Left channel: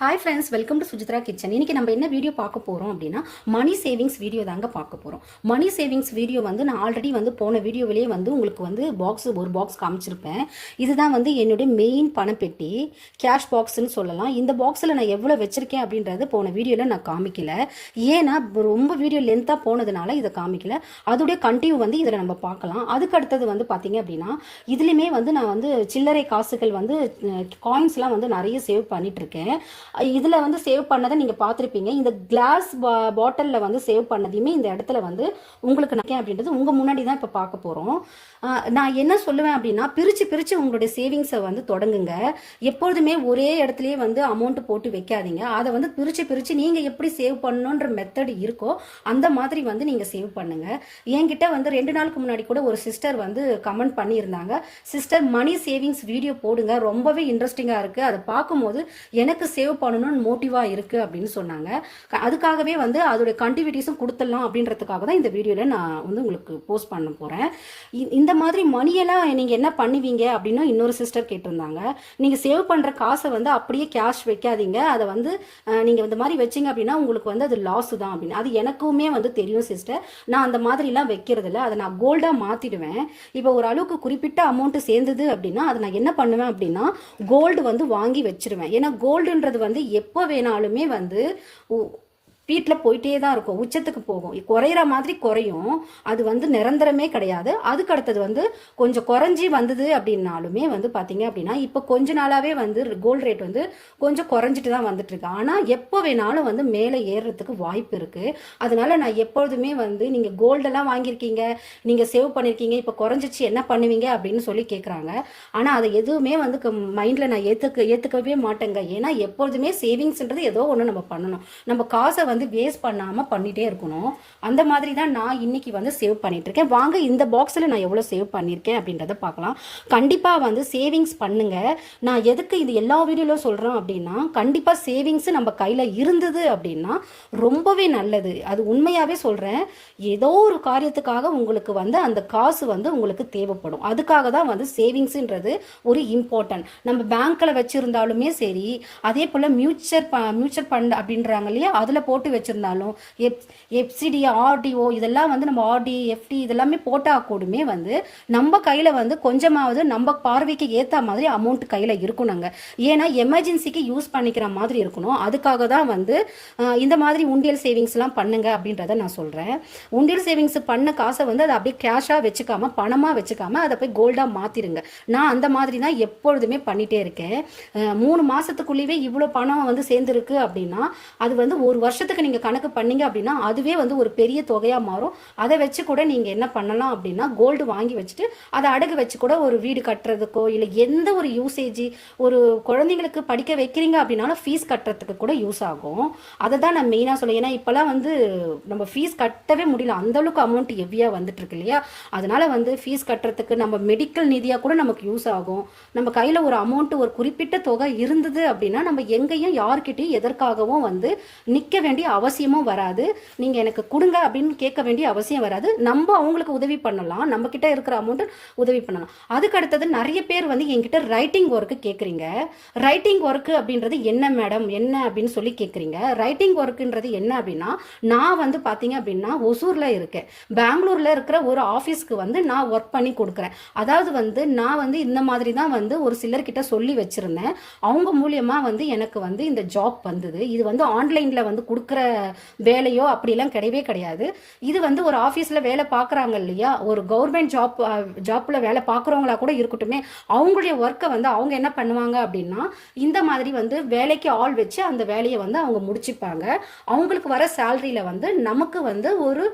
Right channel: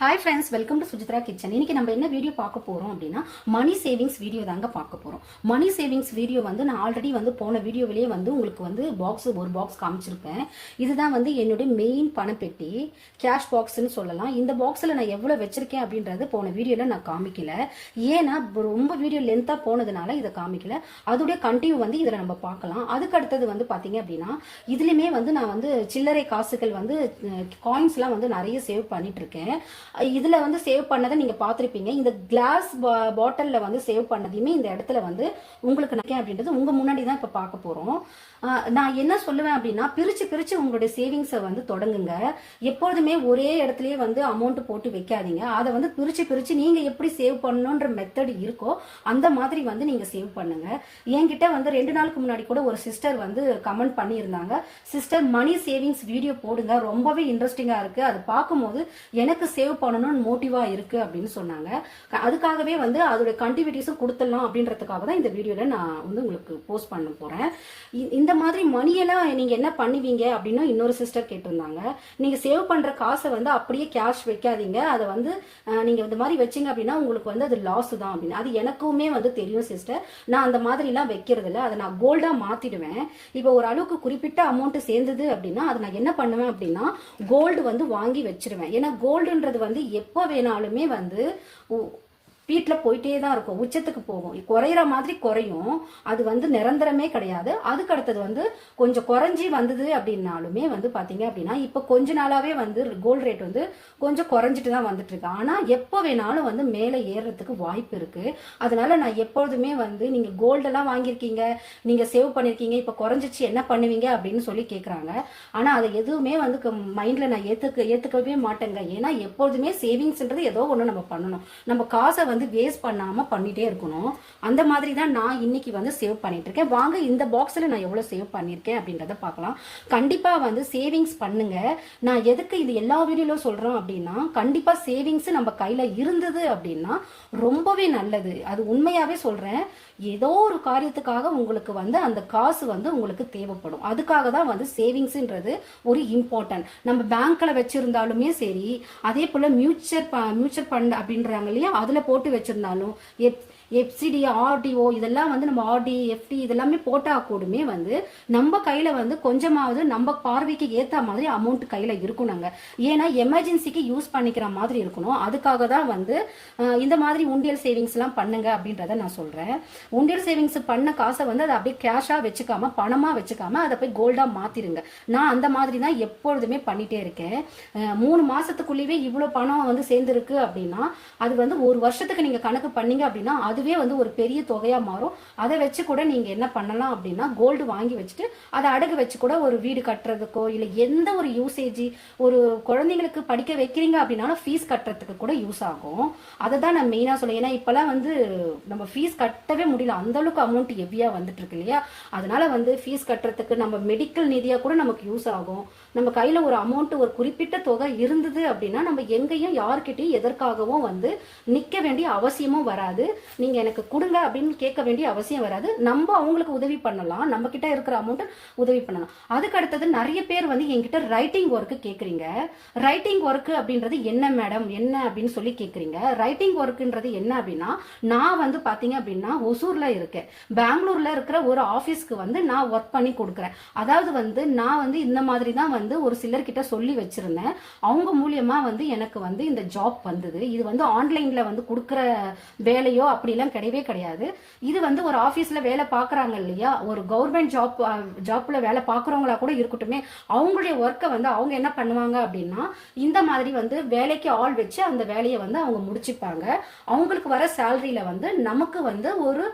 Hi friends welcome to Sujithra kitchen இன்னைக்கு நம்ம என்ன வீடியோ பார்க்க போகிறோம் அப்படின்னா மணி சேவிங்ஸ் வீடியோ தாங்க பார்க்க போகிறோம் மணி சேவிங்ஸ் வீடியோ வந்து நான் ஆல்ரெடி வந்து போன வீடியோவிலேயே வந்து உங்களுக்கு வந்து பாக்ஸ் ஒரு பாக்ஸ் காமிச்சிருப்பேன். இதுதான் வந்து என்னுடைய மெயின் பணப்பெட்டி கேஷ் பாக்ஸ்னு சொல்லலாம். இந்த பாக்ஸில் நான் எவ்வளோ வச்சிருக்கேன் அப்படின்றது போன வீடியோவில் நான் காமிக்கல. ஏன்னா ரொம்ப வீடியோ லென்த்தாக போனதுனால இதை காமிக்கல. அதோடைய கண்டினியூ வந்து இதில் நம்ம பார்க்கலாம். அதுக்கு அடுத்தது வந்து பார்த்தீங்க அப்படின்னா இதுலேயுமே வந்து நான் வந்து சில்லறை காசுகள் வந்து காயின்ஸ்லாம் வந்து நிறைய சேவ் பண்ணிகிட்ருக்கேன் இதில் வந்து சேவ் பண்ணதை நீங்கள் பார்த்துருப்பீங்க. இந்த கிளாஸ் பாட்டிலில் வந்து சேவ் பண்ணதையுமே இந்த இடத்துல வந்து உங்களுக்கு நிற்கேன் அப்படின்றது உங்கள் முன்னாடி தான் இப்போ பார்க்க போகிறோம் நான் என்ன சொல்லுவேன் அப்படின்னா பிரித்து பிரித்து உங்களுடைய சேவிங்ஸை வந்து தொடங்குங்க. எப்பொழுதுமே ஒரே இடத்துலயே வந்து அமௌண்ட் போட்டு வைக்காதீங்க. அதை வந்து பிரித்து பிரித்து நீங்கள் எப்படி சேவ் பண்ணணுன்ற மெத்தட் இருக்கோ அந்த மாதிரி வந்து நீங்கள் சேவ் பண்ணுங்க. என்கிட்ட வந்து ரெண்டு நாளுக்கு முன்னாடி கூட ஒரு சிஸ்டர் வந்து கமெண்ட் பண்ணியிருந்தாங்க. சிஸ்டர் மணி சேவிங்ஸ் வீடியோ போடுங்க. ரொம்பவே இன்ட்ரெஸ்டிங்காக இருக்கு. அதை பார்க்கும்போது எனக்கு சேவ் பண்ணணும்னு மோட்டிவாக இருக்கு அப்படின்னு சொன்னாங்க. அதுக்காகவே வந்து அதோட கண்டிவிட்டிஸும் கொடுத்துடலாம் அப்படின்றதுக்காக தான் இந்த வீடியோவில் நான் வந்து உங்களுக்கு போஸ்ட் பண்ண போகிறேன் இ- இந்த மாதிரி மணியெல்லாம் நீங்க என்ன பண்ணுவீங்க அப்படின்னா இன்னொரு சிஸ்டர் கேட்டிருந்தாங்க. நீங்க சேவ் பண்ற காசை வந்து அப்படியே கேஷ் வைக்காதீங்க. அதை வந்து நீங்கள் நீங்க இந்த மாதிரி வச்சீங்க அப்படின்னா உங்களுக்கு வந்து அது லாஸ் தான் அப்படின்னு. அது எனக்குமே வந்து தெரியும் சிஸ்டர் நான் அந்த மாதிரி எல்லாம் வைக்கிறது இல்லை அதை நான் கோல்டா மாத்திடுவேன். இப்போ ஒரு அளவுக்கு குறிப்பிட்ட அமௌண்ட் சேர்ந்தது அப்படின்னா அதை நான் என்ன பண்ணுவேன் அப்படின்னா கோல்டு வந்து வாங்கி வச்சிருவேன். ஏன்னா கோல்டுன்றது வந்து எப்போ வேணாலுமே வந்து வீட்டில் போயிட்டே தான் இருக்கும். உச்சத்துக்கு போகும். குறையிற மாதிரி குறையும். அது வந்து நிரந்தரமே கிடையாது. அதுக்கு அடுத்தது வந்து கொஞ்சம் குறைஞ்சி வந்தது அப்படின்னாலுமே வந்து பார்த்தீங்க அப்படின்னா இப்போ கொஞ்ச நாளாகவே வந்து கோல்டு ரேட் வந்து கொஞ்சம் குறைஞ்சிட்டு தான் வந்துட்டு இருக்கு. ஆனால் எப்போ வேணாலும் வந்து மேலே ஏறுறதுக்கு வாய்ப்பு இருக்குது அதனால நான் எப்பொழுதுமே வந்து நீங்கள் கோல்டெல்லாம் வாங்கியிருக்கீங்க நீங்கள் சேவ் பண்ணியிருக்கீங்க இப்போ குறைஞ்சிச்சு என்ன பண்ணுவீங்க அப்படின்னு சொல்லி கேட்குறாங்க ஆனால் அதை எதுவுமே வந்து மைண்டில் நான் ஏற்றுக்க ஏற்றுக்கவே மாட்டேங்க. ஏன்னா எப்பொழுதுமே சேவிங்ஸ்ன்றது ஏதோ ஒன்று நம்ம பண்ணணும். நம்ம காசை வந்து வந்து வேஸ்ட் பண்ணாமல் பண்ணிகிட்டே இருக்கணும். அந்த மாதிரி தான் நான் இன்னைக்கு வந்து சேவ் பண்ணிகிட்ருக்கேன் இருக்கேன். வாங்க இந்த பாக்ஸில் நான் எவ்வளோ சேவ் பண்ணியிருக்கேன் அப்படின்றத பார்க்கலாம். கண்டிப்பாக வந்து சேவிங்ஸ் பண்ணுங்கள் நான் எதுக்கு இது எல்லா வீடியோவிலும் சொல்கிறோம் அப்படின்னா கண்டிப்பாக சேவிங்ஸ் நம்ம கையில் இருந்தது அப்படின்னா ரொம்பவே நல்லது. அது உண்மையாகவே சொல்கிறேன் ஏதோ ஒரு காரியத்துக்காக உங்களுக்கு வந்து அந்த காசு வந்து உங்களுக்கு தேவைப்படும். அதுக்காக தான் வந்து சேவிங்ஸ்ன்றது ஒரு இம்பார்ட்டன்ட் நம்ம பேங்க்கில் வச்சுருந்தாலுமே சரி அதே போல் மியூச்சர் மியூச்சர் ஃபண்ட் அப்படின்றாங்க இல்லையா? அதில் போட்டு வச்சிருந்தாலும் எப் எஃப்சிடி ஆர்டிஓ இதெல்லாம் வந்து நம்ம ஆர்டி எஃப்டி இதெல்லாமே போட்டால் கூடமே வந்து நம்ம கையில் வந்து கொஞ்சமாவது நம்ம பார்வைக்கு ஏற்ற மாதிரி அமௌண்ட் கையில் இருக்கணுங்க. ஏன்னா எமர்ஜென்சிக்கு யூஸ் பண்ணிக்கிற மாதிரி இருக்கணும். அதுக்காக தான் வந்து இந்த மாதிரி உண்டியல் சேவிங்ஸ்லாம் பண்ணுங்க அப்படின்றத நான் சொல்கிறேன் உண்டியல் சேவிங்ஸ் பண்ண காசை வந்து அதை அப்படியே கேஷாக வச்சுக்காம பணமாக வச்சுக்காம அதை போய் கோல்டாக மாற்றிடுங்க நான் அந்த மாதிரி தான் எப்பொழுதுமே பண்ணிகிட்டே இருக்கேன். மூணு மாதத்துக்குள்ளேயே இவ்வளோ பணம் வந்து சேர்ந்துருக்கு அப்படின்னா அது வந்து ஒரு வருஷத்துக்கு நீங்கள் கணக்கு பண்ணீங்க அப்படின்னா அதுவே வந்து ஒரு பெரிய தொகையாக மாறும். அதை வச்சு கூட நீங்கள் என்ன பண்ணலாம் அப்படின்னா கோல்டு வாங்கி வச்சுட்டு அதை அடகு வச்சு கூட ஒரு வீடு கட்டுறதுக்கோ இல்லை எந்த ஒரு யூசேஜ் ஒரு குழந்தைங்களுக்கு படிக்க வைக்கிறீங்க அப்படின்னாலும் ஃபீஸ் கட்டுறதுக்கு கூட யூஸ் ஆகும். அதை தான் நான் மெயினாக சொல்லுவேன் ஏன்னா இப்போலாம் வந்து நம்ம ஃபீஸ் கட்டவே முடியல. அந்த அளவுக்கு அமௌண்ட் ஹெவியாக வந்துட்டு இருக்கு இல்லையா? அதனால வந்து ஃபீஸ் கட்டுறதுக்கு நம்ம மெடிக்கல் நிதியாக கூட நமக்கு யூஸ் ஆகும். நம்ம கையில் ஒரு அமௌண்ட் ஒரு குறிப்பிட்ட தொகை இருந்தது அப்படின்னா நம்ம எங்கேயும் யார்கிட்டையும் எதற்காகவும் வந்து நிற்க வேண்டிய அவசியமும் வராது. நீங்கள் எனக்கு கொடுங்க அப்படின்னு கேட்க வேண்டிய அவசியம் வராது. நம்ம அவங்களுக்கு உதவி பண்ணலாம். நம்ம கிட்ட இருக்கிற அமௌண்ட்டை உதவி பண்ணலாம். அதுக்கு அடுத்தது நிறைய பேர் வந்து என்கிட்ட ரைட்டிங் ஒர்க்கு கேட்குறீங்க ரைட்டிங் ஒர்க்கு அப்படின்றது என்ன மேடம் என்ன அப்படின்னு சொல்லி கேட்குறீங்க ரைட்டிங் ஒர்க்குன்றது என்ன அப்படின்னா நான் வந்து பார்த்தீங்க அப்படின்னா ஒசூரில் இருக்கேன். பெங்களூரில் இருக்கிற ஒரு ஆஃபீஸ்க்கு வந்து நான் ஒர்க் பண்ணி கொடுக்குறேன். அதாவது வந்து நான் வந்து இந்த மாதிரி தான் வந்து ஒரு சிலர்கிட்ட சொல்லி வச்சிருந்தேன். அவங்க மூலியமாக வந்து எனக்கு வந்து இந்த ஜாப் வந்தது. இது வந்து ஆன்லைனில் வந்து கொடுக்குற வேலையோ அப்படி அப்படிலாம் கிடையவே கிடையாது. இது வந்து ஒரு ஆஃபீஸ்ல வேலை பார்க்குறாங்க இல்லையா? ஒரு கவர்மெண்ட் ஜாப் ஜாப்ல வேலை பார்க்குறவங்களா கூட இருக்கட்டுமே அவங்களுடைய ஒர்க்கை வந்து அவங்க என்ன பண்ணுவாங்க அப்படின்னா இந்த மாதிரி வந்து வேலைக்கு ஆள் வச்சு அந்த வேலையை வந்து அவங்க முடிச்சுப்பாங்க. அவங்களுக்கு வர சேலரியில வந்து நமக்கு வந்து ஒரு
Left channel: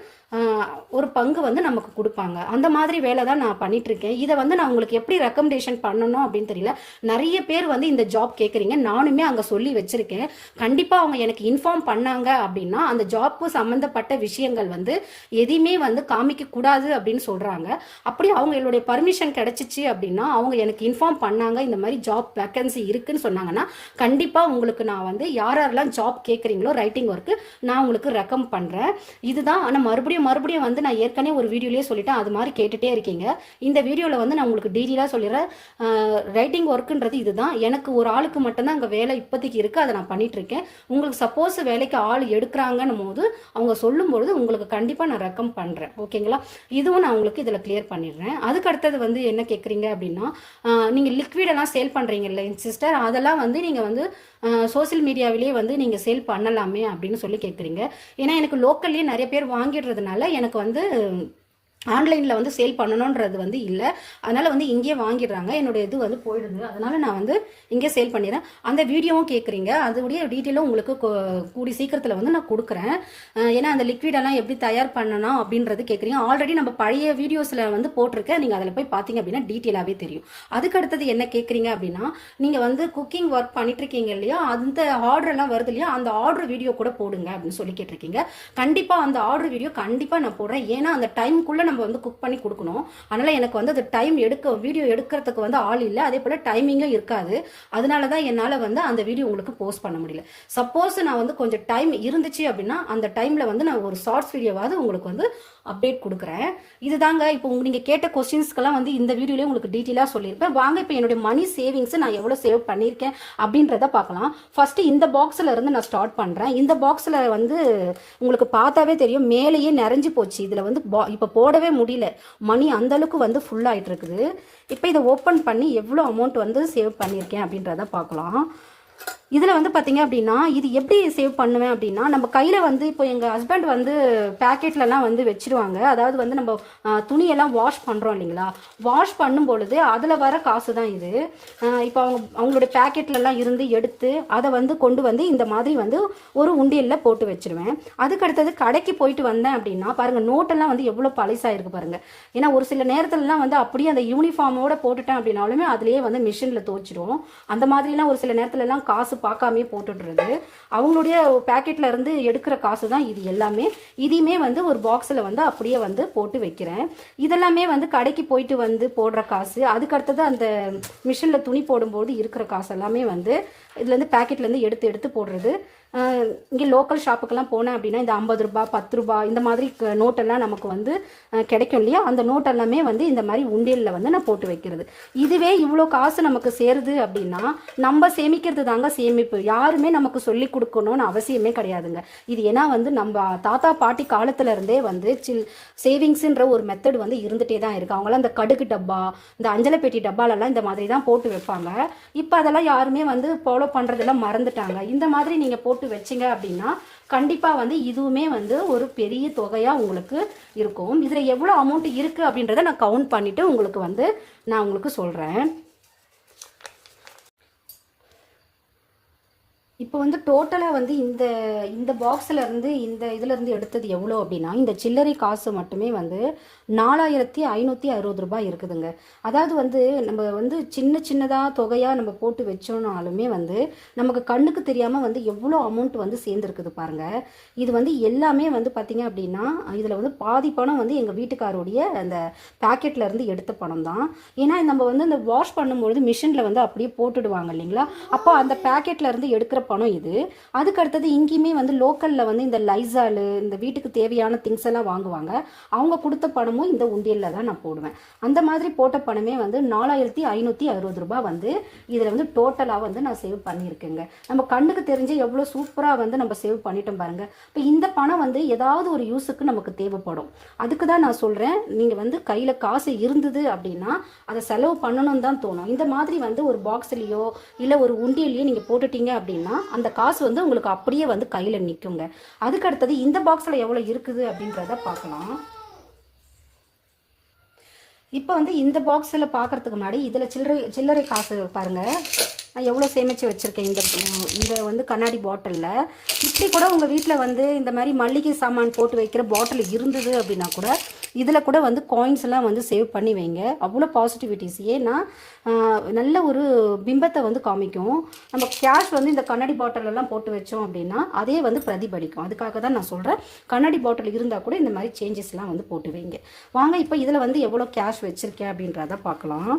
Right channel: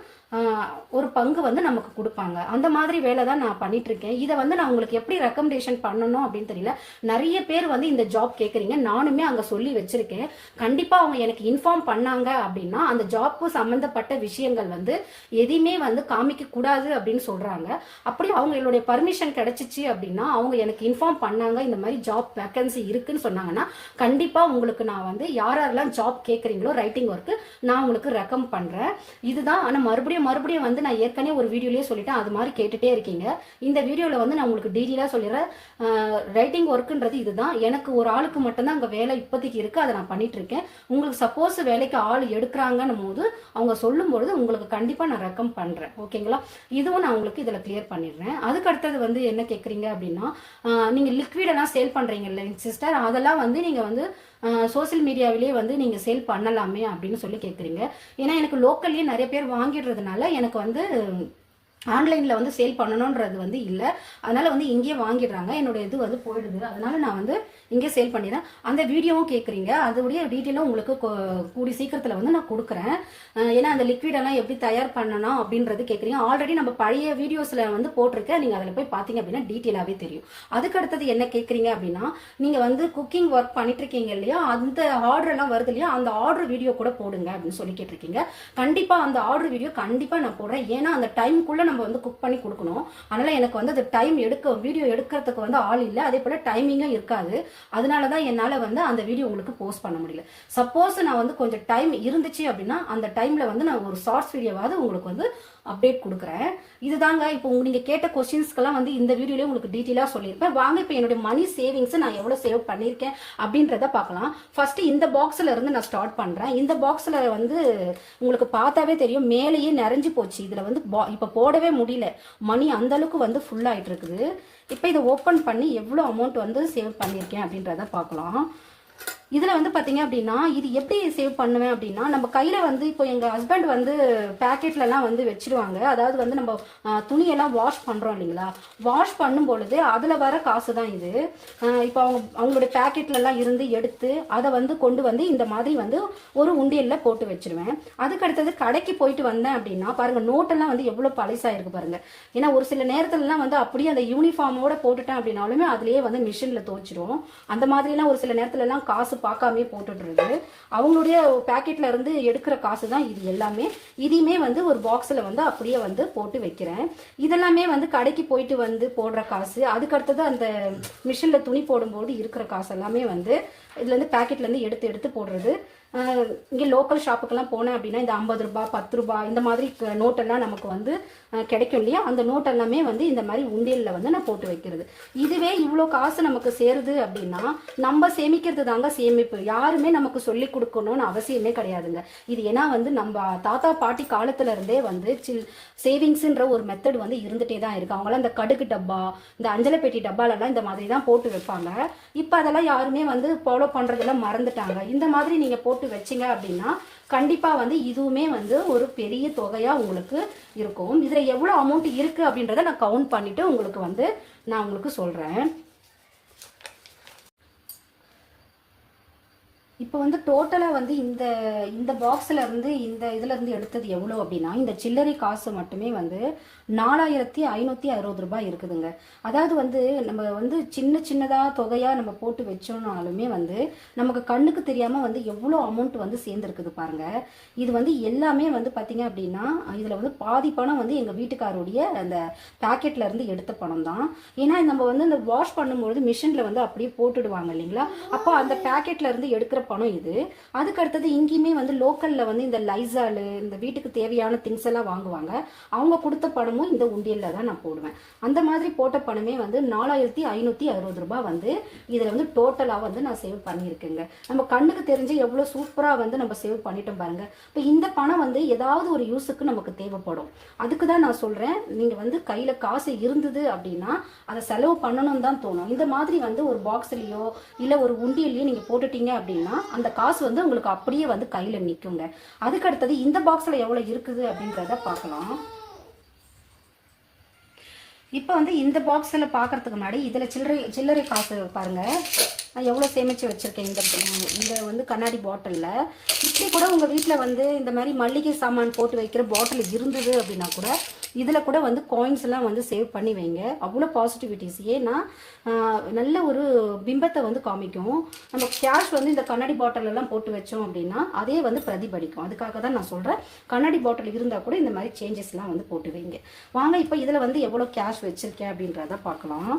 ஒரு பங்கு வந்து நமக்கு கொடுப்பாங்க. அந்த மாதிரி வேலை தான் நான் பண்ணிட்டு இருக்கேன் இதை வந்து நான் உங்களுக்கு எப்படி ரெக்கமெண்டேஷன் பண்ணணும் அப்படின்னு தெரியல. நிறைய பேர் வந்து இந்த ஜாப் கேட்குறீங்க நானுமே அங்கே சொல்லி வச்சிருக்கேன். கண்டிப்பாக அவங்க எனக்கு இன்ஃபார்ம் பண்ணாங்க அப்படின்னா அந்த ஜாப்பு சம்மந்தப்பட்ட விஷயங்கள் வந்து எதையுமே வந்து காமிக்க கூடாது அப்படின்னு சொல்கிறாங்க அப்படி அவங்களுடைய பர்மிஷன் கிடைச்சிச்சு அப்படின்னா அவங்க எனக்கு இன்ஃபார்ம் பண்ணாங்க. இந்த மாதிரி ஜாப் வேக்கன்சி இருக்குன்னு சொன்னாங்கன்னா கண்டிப்பாக உங்களுக்கு நான் வந்து யார் யாரெல்லாம் ஜாப் கேட்குறீங்களோ ரைட்டிங் ஒர்க்கு நான் உங்களுக்கு ரெக்கம் பண்ணுறேன் இதுதான். ஆனால் மறுபடியும் மறுபடியும் மறுபடியும் வந்து நான் ஏற்கனவே ஒரு வீடியோலேயே சொல்லிட்டேன். அது மாதிரி கேட்டுகிட்டே இருக்கீங்க. இந்த வீடியோவில் வந்து நான் உங்களுக்கு டீட்டெயிலாக சொல்லிடுறேன். ரைட்டிங் ஒர்க்குன்றது இதுதான். எனக்கு ஒரு ஆளுக்கு மட்டும்தான் அங்கே வேலை இப்போதைக்கு இருக்குது அதை நான் பண்ணிகிட்ருக்கேன் உங்களுக்கு சப்போஸ் வேலைக்கு ஆள் எடுக்கிறாங்கன்னும் போது அவங்க சொல்லும்பொழுது உங்களுக்கு கண்டிப்பாக நான் ரெக்கம் பண்ணுறேன் ஓகேங்களா இதுவும் நான் உங்களுக்கு இதில் கிளியர் பண்ணிடுறேன். அதுக்கு அடுத்தது வந்து என்ன கேட்குறீங்க அப்படின்னா நீங்கள் லிக்விடெல்லாம் சேல் பண்ணுறீங்கல்ல சிஸ்டர் அதெல்லாம் வந்து நீங்கள் வந்து சோசியல் மீடியாவிலேயே வந்து நீங்கள் சேல் பண்ணலாமே அப்படின்னு சொல்லி கேட்குறீங்க ஏன்னா எனக்கு லோக்கல்லேயே நிறைய பேர் வாங்கிடுறதுனால எனக்கு வந்து ஆன்லைனில் வந்து சேல் பண்ணணுன்றது வந்து இல்லை. அதனால் வந்து இங்கேயே வாங்கிடுறாங்க. என்னோடய இது வந்து போயிடுது. அதனால் நான் வந்து இங்கே சேல் பண்ணிடுறேன். அந்த வீடியோவும் கேட்குறீங்க அதோடைய டீட்டெயிலும் உங்களுக்கு கூடி சீக்கிரத்தில் வந்து நான் கொடுக்குறேன். ஏன்னா அந்த லிக்விடெல்லாம் எப்படி தயார் பண்ணணும் அப்படின்றது கேட்குறீங்க ஆல்ரெடி நம்ம பழைய வீடியோஸில் வந்து போட்டிருக்கேன் நீங்கள் அதில் போய் பார்த்தீங்க அப்படின்னா டீட்டெயிலாகவே தெரியும். அதுக்கு அடுத்தது என்ன கேட்குறீங்க அப்படின்னா நீங்கள் வந்து குக்கிங் ஒர்க் பண்ணிட்டு இருக்கீங்க இல்லையா? அந்த ஆர்டர்லாம் வருது இல்லையா? அந்த ஆர்டர் வீடியோ கூட போடுங்க அப்படின்னு சொல்லி கேட்டிருக்கீங்க. கண்டிப்பாக அந்த ஆர்டர் வீடியோ கண்டிப்பாக நான் போடுறேன். ஏன்னா அந்த டைமுக்குள்ளே நம்ம வந்து குக் பண்ணி கொடுக்கணும். அதனால் எனக்கு வந்து அது டைம் எடுக்க வீடியோ எடுக்கிறதுக்கு வந்து ஆள் இல்லை. அதே போல் டைமிங்கும் இருக்காது. அதனால தான் என்னால் வந்து அந்த வீடியோ உங்களுக்கு போஸ்ட் பண்ண முடியல. சப்போஸ் நான் வந்து கொஞ்சம் டைம் இருந்துச்சு அப்படின்னா அந்த டைமில் வந்து நான் ஒரு ஷார்ட்ஸ் வீடியோவாவது உங்களுக்கு வந்து அப்டேட் கொடுக்குறேன். இதுதாங்க இப்போ உங்க நீங்கள் கேட்ட கொஸ்டின்ஸ்க்கெல்லாம் வந்து இந்த வீடியோலேயே உங்களுக்கு டீட்டெயிலாக சொல்லியிருப்பேன். வாங்க இப்போ என்னுடைய மணி சேவிங்ஸ் நான் எவ்வளோ சேவ் பண்ணியிருக்கேன் அப்படின்றத பார்க்கலாம். ஃபர்ஸ்ட் இந்த பாக்ஸில் இருந்து நான் ஸ்டார்ட் பண்ணுறேன் இந்த பாக்ஸில் வந்து உங்களுக்கு பார்த்தாவே தெரியும் மேலேயே நிறைஞ்சு போச்சு. இதில் வந்து இப்போ போடவே முடியல. மணி அந்தளவுக்கு வந்து ஃபுல் இருக்குது இப்போ இதை ஓப்பன் பண்ணி எவ்வளோ அமௌண்ட் வந்து சேவ் பண்ணியிருக்கேன் அப்படின்றத பார்க்கலாம். இதில் வந்து பார்த்தீங்க அப்படின்னா இது எப்படி சேவ் பண்ணுவேன் அப்படின்னா நம்ம கையில் வந்து இப்போ எங்கள் ஹஸ்பண்ட் வந்து பேக்கெட்லலாம் வந்து வச்சிருவாங்க. அதாவது வந்து நம்ம துணியெல்லாம் வாஷ் பண்ணுறோம் இல்லைங்களா? வாஷ் பண்ணும் பொழுது அதில் வர காசு தான் இது இப்போ அவங்க அவங்களுடைய பேக்கெட்லலாம் இருந்து எடுத்து அதை வந்து கொண்டு வந்து இந்த மாதிரி வந்து ஒரு உண்டியலில் போட்டு வச்சிருவேன். அதுக்கு அடுத்தது கடைக்கு போயிட்டு வந்தேன் அப்படின்னா பாருங்கள் நோட்டெல்லாம் வந்து எவ்வளோ பழசாயிருக்கு பாருங்கள் ஏன்னா ஒரு சில நேரத்துலலாம் வந்து அப்படியே அந்த யூனிஃபார்மோட போட்டுட்டேன் அப்படின்னாலுமே அதுலேயே வந்து மிஷினில் துவச்சிடும் அந்த மாதிரிலாம் ஒரு சில நேரத்துலலாம் காசு பார்க்காமே போட்டுடுறது. அவங்களுடைய பேக்கெட்ல இருந்து எடுக்கிற காசு தான் இது எல்லாமே. இதையுமே வந்து ஒரு பாக்ஸில் வந்து அப்படியே வந்து போட்டு வைக்கிறேன். இதெல்லாமே வந்து கடைக்கு போயிட்டு வந்து போடுற காசு அதுக்கு அடுத்தது அந்த மிஷினில் துணி போடும்போது இருக்கிற காசு எல்லாமே வந்து இதுலேருந்து பேக்கெட்லேருந்து எடுத்து எடுத்து போடுறது. இங்கே லோக்கல் ஷாப்புக்கெல்லாம் போனேன் அப்படின்னா இந்த ஐம்பது ரூபாய் பத்து ரூபாய் இந்த மாதிரி க- நோட்டெல்லாம் நமக்கு வந்து கிடைக்கும் இல்லையா? அந்த நோட்டெல்லாமே வந்து இந்த மாதிரி உண்டியலில் வந்து நான் போட்டு வைக்கிறது. இதுவே இவ்வளோ காசு நமக்கு சேருது அப்படின்னா நம்ம சேமிக்கிறது தாங்க சேமிப்பு. யாருமே நமக்கு சொல்லி கொடுக்கணும்னு அவசியமே கிடையாதுங்க. இது ஏன்னா வந்து நம்ம தாத்தா பாட்டி காலத்துல இருந்தே வந்து சில் சேவிங்ஸ்ன்ற ஒரு மெத்தட் வந்து இருந்துகிட்டே தான் இருக்கு. அவங்களாம் இந்த கடுகு டப்பா இந்த அஞ்சலைப்பேட்டி டப்பாலெல்லாம் இந்த மாதிரி தான் போட்டு வைப்பாங்க. இப்போ அதெல்லாம் யாருமே வந்து ஃபாலோ பண்ணுறதெல்லாம் மறந்துட்டாங்க. இந்த மாதிரி நீங்கள் போட்டு வச்சீங்க அப்படின்னா கண்டிப்பாக வந்து இதுவுமே வந்து ஒரு பெரிய தொகையாக உங்களுக்கு இருக்கும். இதில் எவ்வளோ அமௌண்ட் இருக்கு அப்படின்றத நான் கவுண்ட் பண்ணிவிட்டு உங்களுக்கு வந்து நான் உங்களுக்கு சொல்கிறேன் இப்போ வந்து டோட்டலாக வந்து இந்த இந்த பாக்ஸில் இருந்து இந்த இதுலேருந்து எடுத்தது எவ்வளோ அப்படின்னா இந்த சில்லறை காசு மட்டுமே வந்து நாலாயிரத்தி ஐநூற்றி அறுபது ரூபாய் இருக்குதுங்க. அதாவது வந்து நம்ம வந்து சின்ன சின்னதாக தொகையாக நம்ம போட்டு வச்சோம்னாலுமே வந்து நமக்கு கண்ணுக்கு தெரியாமல் வந்து எவ்வளோ அமௌண்ட் வந்து சேர்ந்துருக்குது பாருங்க. இது வந்து எல்லாமே வந்து பார்த்தீங்க அப்படின்னா இதில் வந்து பாதி பணம் வந்து எங்கள் வீட்டுக்காரோடைய அந்த பாக்கெட்ல இருந்து எடுத்த பணம் தான். ஏன்னா நம்ம வந்து அந்த வாஷ் பண்ணும்பொழுது மிஷினில் வந்து அப்படியே போட்டுடுவாங்க இல்லைங்களா? அப்போ அந்த பாக்கெட்ல இருந்து எடுக்கிற பணம் இது. அதுக்கு அடுத்தது இங்கேயுமே வந்து லோக்கல்ல வந்து இந்த லைசாலு இந்த வீட்டுக்கு தேவையான திங்ஸ் எல்லாம் வாங்குவாங்க. அவங்க கொடுத்த பணமும் இந்த உண்டியல்ல தான் நான் போடுவேன். அந்த மாதிரி போட்ட பணமே வந்து நாலாயிரத்தி ஐநூத்தி அறுபது ரூபாய் வந்து இதுல வந்து டோட்டலா வந்து நான் சேவ் பண்ணியிருக்கேங்க. நம்ம கண்ணுக்கு தெரிஞ்சு எவ்வளவு சூப்பரா வந்து நம்ம சேவ் பண்ணிட்டோம் பாருங்க. இப்போ இந்த பணம் வந்து ஏதாவது ஒரு யூஸுக்கு நமக்கு தேவைப்படும். அதுக்கு தான் நான் சொல்றேன். நீங்க வந்து கையில காசு இருந்தது அப்படின்னா அதை செலவு பண்ணணும் தான் தோணும். இந்த மாதிரி வந்து ஒரு பாக்ஸ்லயோ இல்ல ஒரு உண்டியலையோ நீங்க போட்டுட்டீங்க அப்படின்னா அந்த காசு வந்து உங்களுக்கு அப்படியே வந்து கையில நிக்குங்க. அதுக்கு அடுத்தது இந்த பாக்ஸ்ல எவ்வளவு இருக்குது அப்படின்றத பார்க்கலாம். இப்போ வந்து இந்த பாக்ஸில் பார்க்குறதுக்கு முன்னாடி இதில் சில்லறை சில்லறை காசு பாருங்க. நான் எவ்வளோ சேமித்து வச்சுருக்கேன் இந்த இந்த வந்து கண்ணாடி பாட்டிலில் இப்படி கூட உங்கள் வீட்டில் வந்து இந்த மாதிரி மல்லிகை சாமான் போட்டு வைக்கிற பாட்டில் இருந்தது அப்படின்னா கூட இதில் கூட வந்து காயின்ஸ் எல்லாம் வந்து சேவ் பண்ணி வைங்க. அவ்வளோ பாசிட்டிவிட்டிஸ் ஏன்னா நல்ல ஒரு பிம்பத்தை வந்து காமிக்கும். நம்ம கேஷ் வந்து இந்த கண்ணாடி பாட்டில் எல்லாம் போட்டு வச்சோம் அப்படின்னா அதே வந்து பிரதிபலிக்கும். அதுக்காக தான் நான் சொல்கிறேன் கண்ணாடி பாட்டில் இருந்தால் கூட இந்த மாதிரி சேஞ்சஸ்லாம் வந்து போட்டு வைங்க. வாங்க இப்போ இதில் வந்து எவ்வளோ கேஷ் வச்சுருக்கேன் அப்படின்றத பார்க்கலாம்.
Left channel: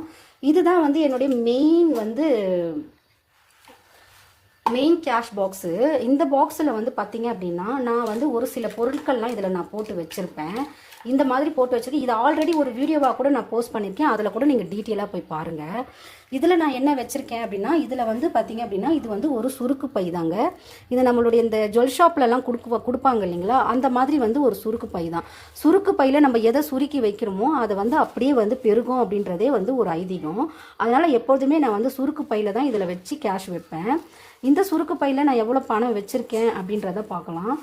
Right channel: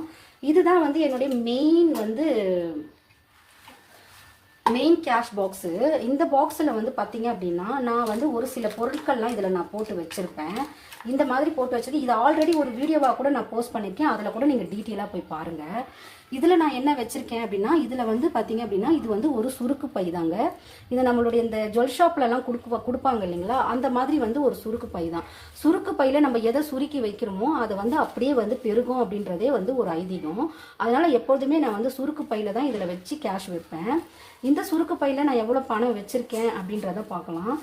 இதுதான் வந்து என்னுடைய மெயின் வந்து மெயின் கேஷ் பாக்ஸு இந்த பாக்ஸில் வந்து பார்த்தீங்க அப்படின்னா நான் வந்து ஒரு சில பொருட்கள்லாம் இதில் நான் போட்டு வச்சுருப்பேன். இந்த மாதிரி போட்டு வச்சுருக்கேன் இது ஆல்ரெடி ஒரு வீடியோவாக கூட நான் போஸ்ட் பண்ணியிருக்கேன் அதில் கூட நீங்கள் டீட்டெயிலாக போய் பாருங்கள் இதில் நான் என்ன வச்சுருக்கேன் அப்படின்னா இதில் வந்து பார்த்தீங்க அப்படின்னா இது வந்து ஒரு சுருக்கு பை தாங்க. இது நம்மளுடைய இந்த ஜுவல் ஷாப்லலாம் கொடுக்கு கொடுப்பாங்க இல்லைங்களா? அந்த மாதிரி வந்து ஒரு சுருக்கு பை தான். சுருக்கு பையில் நம்ம எதை சுருக்கி வைக்கிறோமோ அதை வந்து அப்படியே வந்து பெருகும் அப்படின்றதே வந்து ஒரு ஐதீகம். அதனால் எப்போதுமே நான் வந்து சுருக்கு பையில் தான் இதில் வச்சு கேஷ் வைப்பேன். இந்த சுருக்கு பையில் நான் எவ்வளோ பணம் வச்சுருக்கேன் அப்படின்றத பார்க்கலாம்.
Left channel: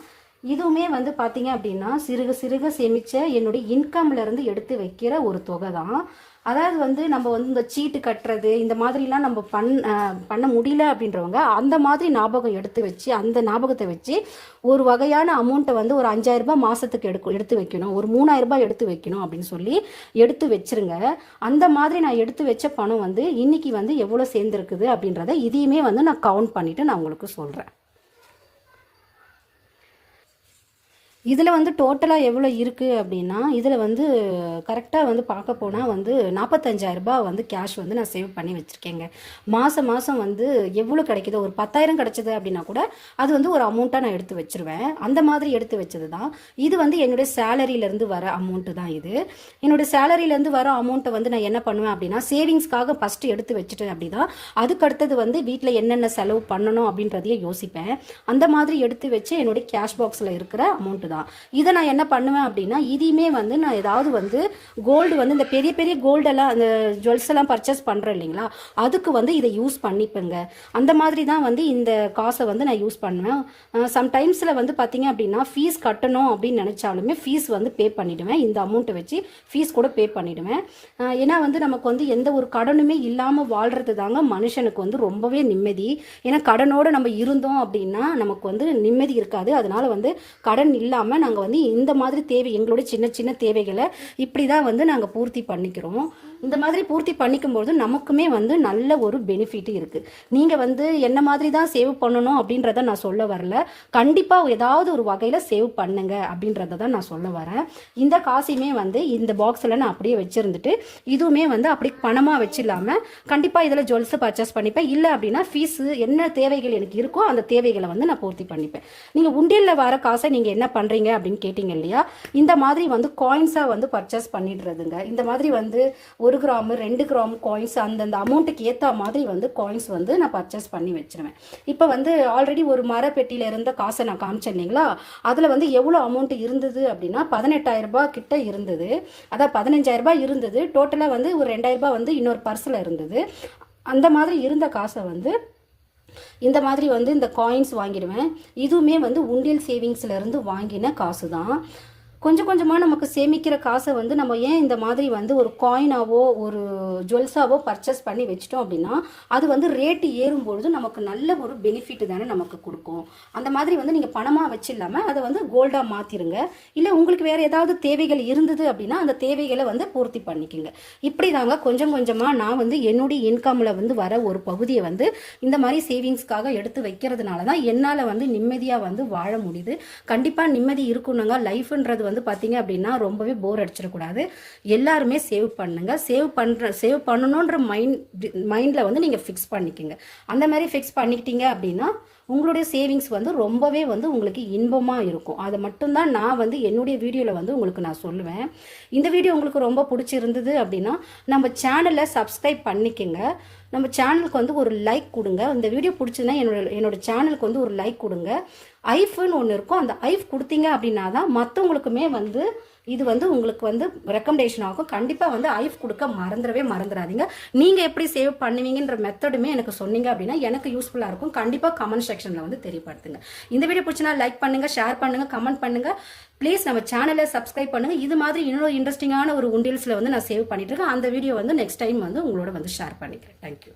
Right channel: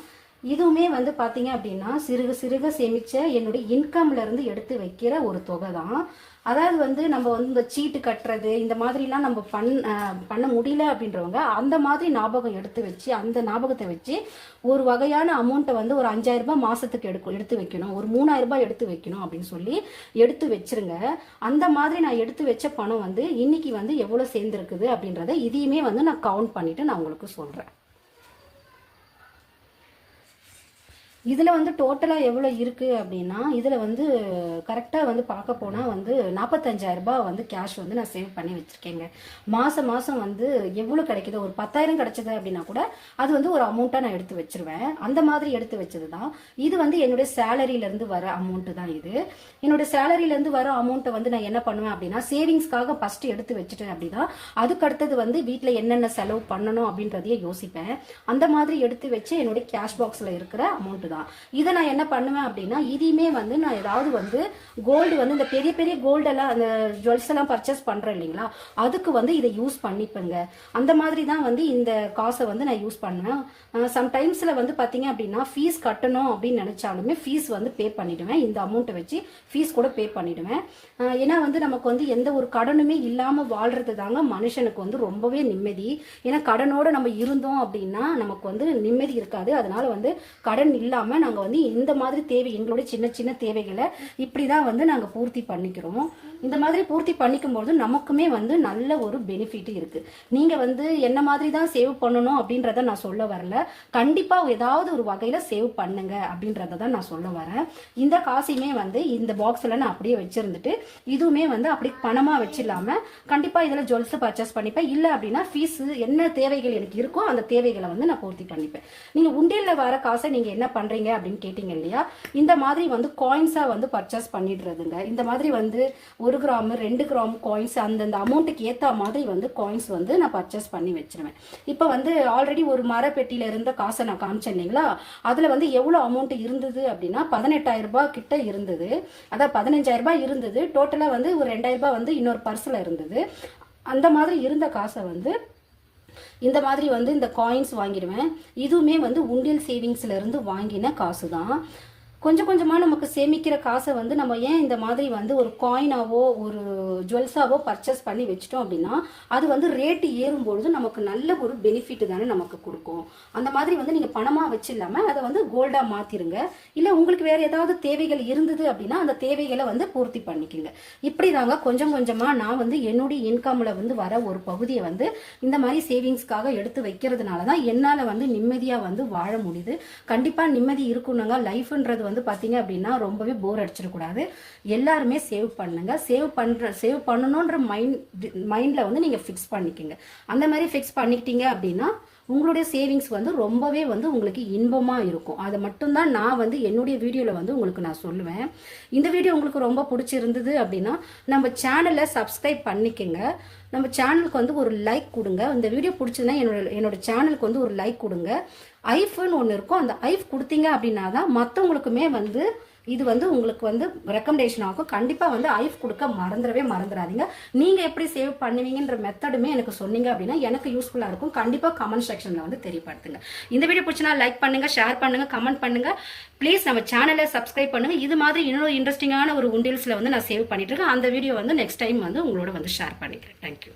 இதுவுமே வந்து பார்த்தீங்க அப்படின்னா சிறுக சிறுக சேமிச்ச என்னுடைய இன்கம்லேருந்து எடுத்து வைக்கிற ஒரு தொகை தான். அதாவது வந்து நம்ம வந்து இந்த சீட்டு கட்டுறது இந்த மாதிரிலாம் நம்ம பண் பண்ண முடியல அப்படின்றவங்க அந்த மாதிரி ஞாபகம் எடுத்து வச்சு அந்த ஞாபகத்தை வச்சு ஒரு வகையான அமௌண்ட்டை வந்து ஒரு அஞ்சாயிரம் ரூபாய் மாதத்துக்கு எடுக்கும் எடுத்து வைக்கணும். ஒரு மூணாயிரம் ரூபாய் எடுத்து வைக்கணும் அப்படின்னு சொல்லி எடுத்து வச்சிருங்க. அந்த மாதிரி நான் எடுத்து வச்ச பணம் வந்து இன்னைக்கு வந்து எவ்வளோ சேர்ந்துருக்குது அப்படின்றத இதையுமே வந்து நான் கவுண்ட் பண்ணிவிட்டு நான் உங்களுக்கு சொல்கிறேன் இதில் வந்து டோட்டலாக எவ்வளோ இருக்குது அப்படின்னா இதில் வந்து கரெக்டாக வந்து பார்க்க போனால் வந்து நாற்பத்தஞ்சாயிரம் ரூபாய் வந்து கேஷ் வந்து நான் சேவ் பண்ணி வச்சுருக்கேங்க. மாதம் மாதம் வந்து எவ்வளோ கிடைக்குதோ ஒரு பத்தாயிரம் கிடைச்சது அப்படின்னா கூட அது வந்து ஒரு அமௌண்ட்டாக நான் எடுத்து வச்சிருவேன். அந்த மாதிரி எடுத்து வச்சது தான் இது வந்து என்னுடைய சேலரியிலேருந்து வர அமௌண்ட்டு தான் இது. என்னுடைய சேலரியிலேருந்து வர அமௌண்ட்டை வந்து நான் என்ன பண்ணுவேன் அப்படின்னா சேவிங்ஸ்க்காக ஃபஸ்ட்டு எடுத்து வச்சுட்டேன் அப்படின்னா அதுக்கு அடுத்தது வந்து வீட்டில் என்னென்ன செலவு பண்ணணும் அப்படின்றதையே யோசிப்பேன். அந்த மாதிரி எடுத்து வச்சு என்னுடைய கேஷ் பாக்ஸில் இருக்கிற அமௌண்ட்டு தான். இதை நான் என்ன பண்ணுவேன் அப்படின்னா இதையுமே வந்து நான் ஏதாவது வந்து கோல்டு வந்து இந்த பெரிய பெரிய கோல்டெல்லாம் அந்த ஜுவல்ஸ் எல்லாம் பர்ச்சேஸ் பண்ணுறேன் இல்லைங்களா? அதுக்கு வந்து இதை யூஸ் பண்ணிப்பேங்க. அந்த மாதிரி தான் வந்து இந்த காசை வந்து நான் யூஸ் பண்ணுவேன். சம்டைம்ஸில் வந்து பார்த்தீங்க அப்படின்னா ஃபீஸ் கட்டணும் அப்படின்னு நினச்சாலுமே ஃபீஸ் வந்து பே பண்ணிடுவேன். இந்த அமௌண்ட்டை வச்சு ஃபீஸ் கூட பே பண்ணிடுவேன். ஏன்னா வந்து நமக்கு வந்து எந்த ஒரு கடனுமே இல்லாமல் வாழ்றது தாங்க மனுஷனுக்கு வந்து ரொம்பவே நிம்மதி. ஏன்னா கடனோட நம்ம இருந்தோம் அப்படின்னா நமக்கு வந்து நிம்மதி இருக்காது. அதனால வந்து கடன் இல்லாமல் நாங்கள் வந்து இந்த மாதிரி தேவை எங்களோட சின்ன சின்ன தேவைகளை இப்படி தான் வந்து நாங்கள் பூர்த்தி பண்ணிக்கிறோம்? இந்த மாதிரி பூர்த்தி பண்ணிக்கும் போது நமக்குமே வந்து நல்ல ஒரு பெனிஃபிட் இருக்குது நீங்கள் வந்து என்ன மாதிரி தான் சேவ் பண்ணணும் அப்படின்றத நான் சொல்ல வரல. கண்டிப்பாக ஏதாவது ஒரு வகையில் சேவ் பண்ணுங்க அப்படின்றத தான் நான் சொல்ல வரேன். இந்த காசையுமே வந்து இந்த பாக்ஸில் நான் அப்படியே வச்சிருந்துட்டு இதுவுமே வந்து அப்படி பணமாக வச்சிடலாம கண்டிப்பாக இதில் ஜுவல்ஸ் பர்ச்சேஸ் பண்ணிப்பேன். இல்லை அப்படின்னா ஃபீஸ் என்ன தேவைகள் எனக்கு இருக்கோ அந்த தேவைகளை வந்து நான் பூர்த்தி பண்ணிப்பேன். நீங்கள் உண்டியலில் வர காசை நீங்கள் என்ன பண்ணுறீங்க அப்படின்னு கேட்டிங்க இல்லையா? இந்த மாதிரி வந்து காயின்ஸாக வந்து பர்ச்சேஸ் பண்ணிடுறதுங்க. இந்த மாதிரி வந்து ஒரு ஒரு கிராம் ரெண்டு கிராம் காயின்ஸ் அந்தந்த அமௌண்ட்டுக்கு ஏற்ற மாதிரி வந்து காயின்ஸ் வந்து நான் பர்ச்சேஸ் பண்ணி வச்சிருவேன். இப்போ வந்து ஆல்ரெடி ஒரு மரப்பெட்டியில் இருந்த காசை நான் காமிச்சேன் இல்லைங்களா? அதில் வந்து எவ்வளோ அமௌண்ட் இருந்தது அப்படின்னா பதினெட்டாயிரம் கிட்ட இருந்தது. அதான் பதினஞ்சாயிரரூபா இருந்தது. டோட்டலாக வந்து ஒரு ரெண்டாயிரரூபா வந்து இன்னொரு பர்ஸில் இருந்தது. அந்த மாதிரி இருந்த காசை வந்து இந்த மாதிரி வந்து இந்த காயின்ஸ் வாங்கிடுவேன். இதுவுமே வந்து உண்டியல் சேவிங்ஸ்லேருந்து வாங்கின காசு தான் கொஞ்சம் கொஞ்சமாக நமக்கு சேமிக்கிற காசை வந்து நம்ம ஏன் இந்த மாதிரி வந்து ஒரு காயினாவோ ஒரு ஜுவல்ஸாவோ பர்ச்சேஸ் பண்ணி வச்சிட்டோம் அப்படின்னா அது வந்து ரேட்டு ஏறும்பொழுது நமக்கு நல்ல ஒரு பெனிஃபிட் தானே நமக்கு கொடுக்கும். அந்த மாதிரி வந்து நீங்கள் பணமாக வச்சில்லாம அதை வந்து கோல்டாக மாற்றிருங்க இல்லை உங்களுக்கு வேறு ஏதாவது தேவைகள் இருந்தது அப்படின்னா அந்த தேவைகளை வந்து பூர்த்தி பண்ணிக்கோங்க. இப்படி தாங்க கொஞ்சம் கொஞ்சமாக நான் வந்து என்னுடைய இன்கமில் வந்து வர ஒரு பகுதியை வந்து இந்த மாதிரி சேவிங்ஸ்க்காக எடுத்து வைக்கிறதுனால தான் என்னால் வந்து நிம்மதியாக வந்து வாழ முடியுது. கண்டிப்பாக நிம்மதி இருக்கணுங்க. லைஃப்ன்றது வந்து பார்த்தீங்க அப்படின்னா ரொம்பவே போர் அடிச்சிடக்கூடாது. எல்லாருமே சேவ் பண்ணுங்க. சேவ் பண்ணுற சேவ் பண்ணணுன்ற மைண்ட் மைண்டில் வந்து நீங்கள் ஃபிக்ஸ் பண்ணிக்கோங்க. அந்த மாதிரி ஃபிக்ஸ் பண்ணிக்கிட்டீங்க அப்படின்னா உங்களுடைய சேவிங்ஸ் வந்து ரொம்பவே வந்து உங்களுக்கு இன்பமாக இருக்கும். அதை மட்டும்தான் நான் வந்து என்னுடைய வீடியோவில் வந்து உங்களுக்கு நான் சொல்லுவேன். இந்த வீடியோ உங்களுக்கு ரொம்ப பிடிச்சிருந்தது அப்படின்னா நம்ம சேனலை சப்ஸ்கிரைப் பண்ணிக்கோங்க. நம்ம சேனலுக்கு வந்து ஒரு லைக் கொடுங்க. இந்த வீடியோ பிடிச்சதுன்னா என்னோட என்னோட சேனலுக்கு வந்து ஒரு லைக் கொடுங்க. ஐஃப்னு ஒன்று இருக்கும். அந்த ஐஃப் கொடுத்தீங்க அப்படின்னா தான் மற்றவங்களுக்குமே வந்து இது வந்து உங்களுக்கு வந்து ரெக்கமெண்டேஷன் ஆகும். கண்டிப்பாக வந்து ஐஃப் கொடுக்க மறந்துடவே மறந்துடாதீங்க. நீங்கள் எப்படி சேவ் பண்ணுவீங்கன்ற மெத்தடுமே எனக்கு சொன்னீங்க அப்படின்னா எனக்கு யூஸ்ஃபுல்லாக இருக்கும். கண்டிப்பாக கமெண்ட் செக்ஷனில் வந்து தெரியப்படுத்துங்க. இந்த வீடியோ பிடிச்சினா லைக் பண்ணுங்கள் ஷேர் பண்ணுங்கள் கமெண்ட் பண்ணுங்கள் ப்ளீஸ் நம்ம சேனலை சப்ஸ்கிரைப் பண்ணுங்கள் இது மாதிரி இன்னொரு இன்ட்ரெஸ்டிங்கான ஒரு உண்டியல்ஸில் வந்து நான் சேவ் பண்ணிட்டு இருக்கேன். அந்த வீடியோ வந்து நெக்ஸ்ட் டைம் வந்து உங்களோட வந்து ஷேர் பண்ணிக்கிறேன். தேங்க்யூ